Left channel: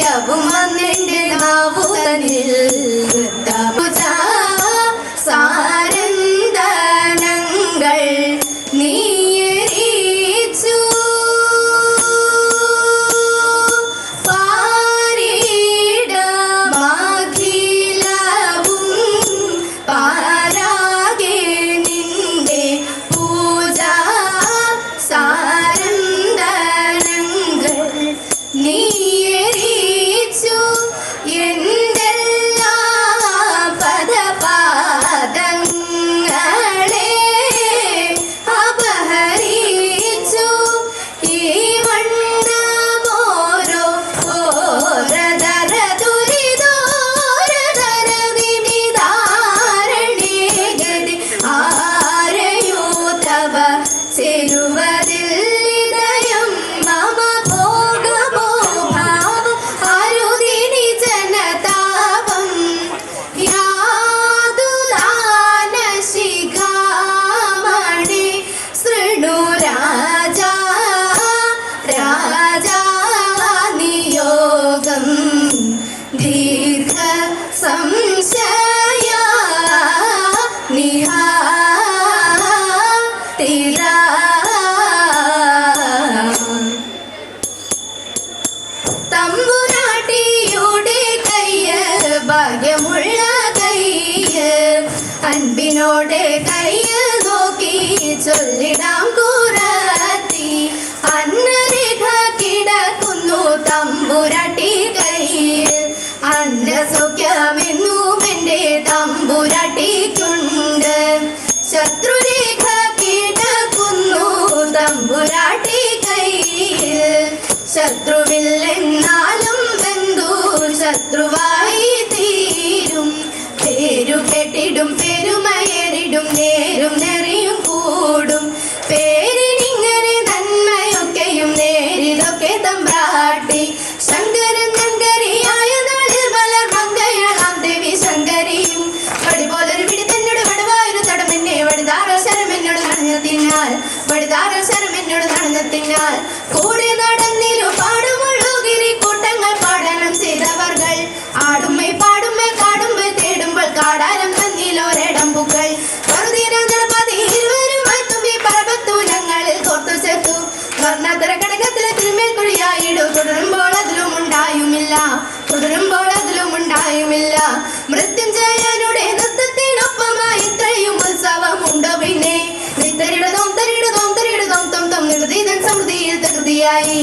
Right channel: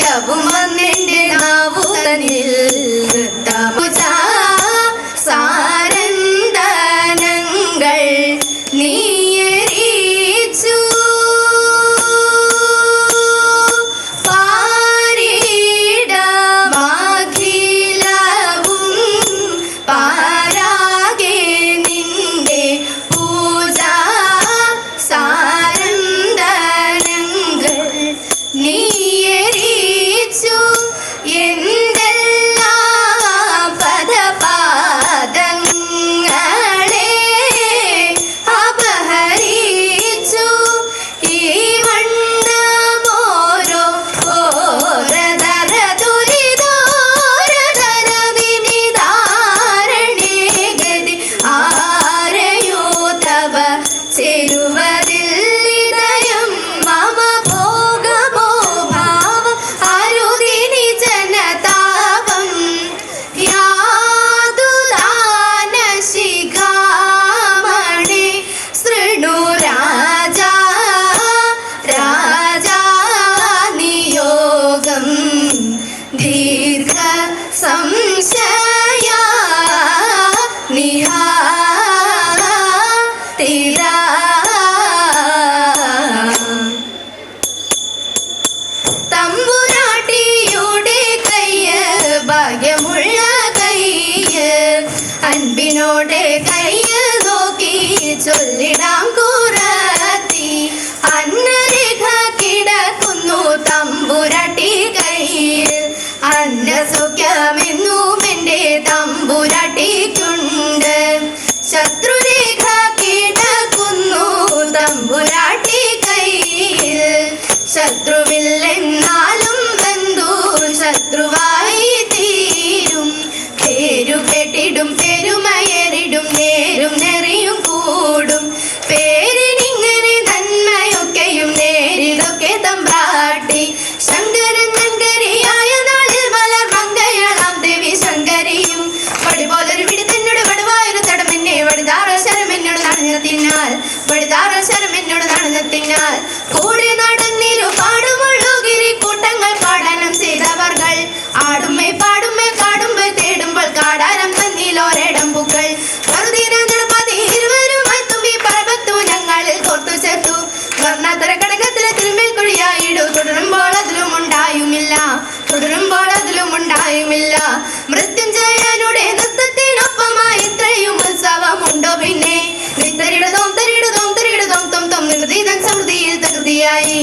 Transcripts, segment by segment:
ശരീരവും വന്നെന്റെ നാവു तेरा तेरा തമ്പുരാട്ടിയുടെ കയ്യ് ഭാഗ്യമുള്ള കയ്യ്. അൻപിനോടെ കയ്യ് നോക്കി ചൊല്ലിടാം കൂറത്തി അന്നരേഖ കിടക്കുന്നു തമ്പുരാട്ടി കയ്യിൽ. അന്ന പാടുമ്മേ പാടുമ്മേ പാടുമ്മേ തേടുമ്പോൾ കാടാരം തന്നിലോരടമ്പുകൾ തുടരുമ്പോൾ അതിലും ഉണ്ടായുമില്ല തുടരുമ്പോൾ അതിലും ഉണ്ടായുമില്ല. മൃത്യുഞ്ജയനുടെ നൃത്തത്തിനൊപ്പമായി ഇത്രയും ഉത്സവമുണ്ടോ പിന്നെ? നിത്തരിടതോം തരിടതോം തരിടതോം തൊം തൊം നിർതീതൻ സമൃദ്ധിയിൽ തൃതിയായി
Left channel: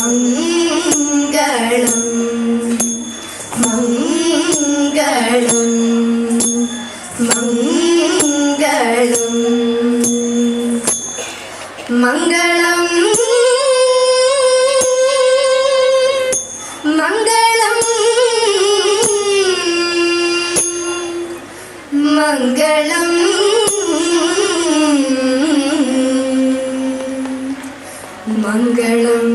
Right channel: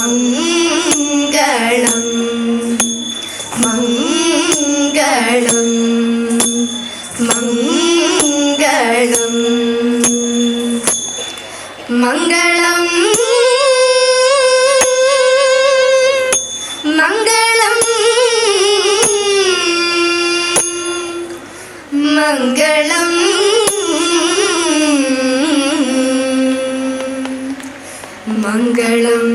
Mangalam.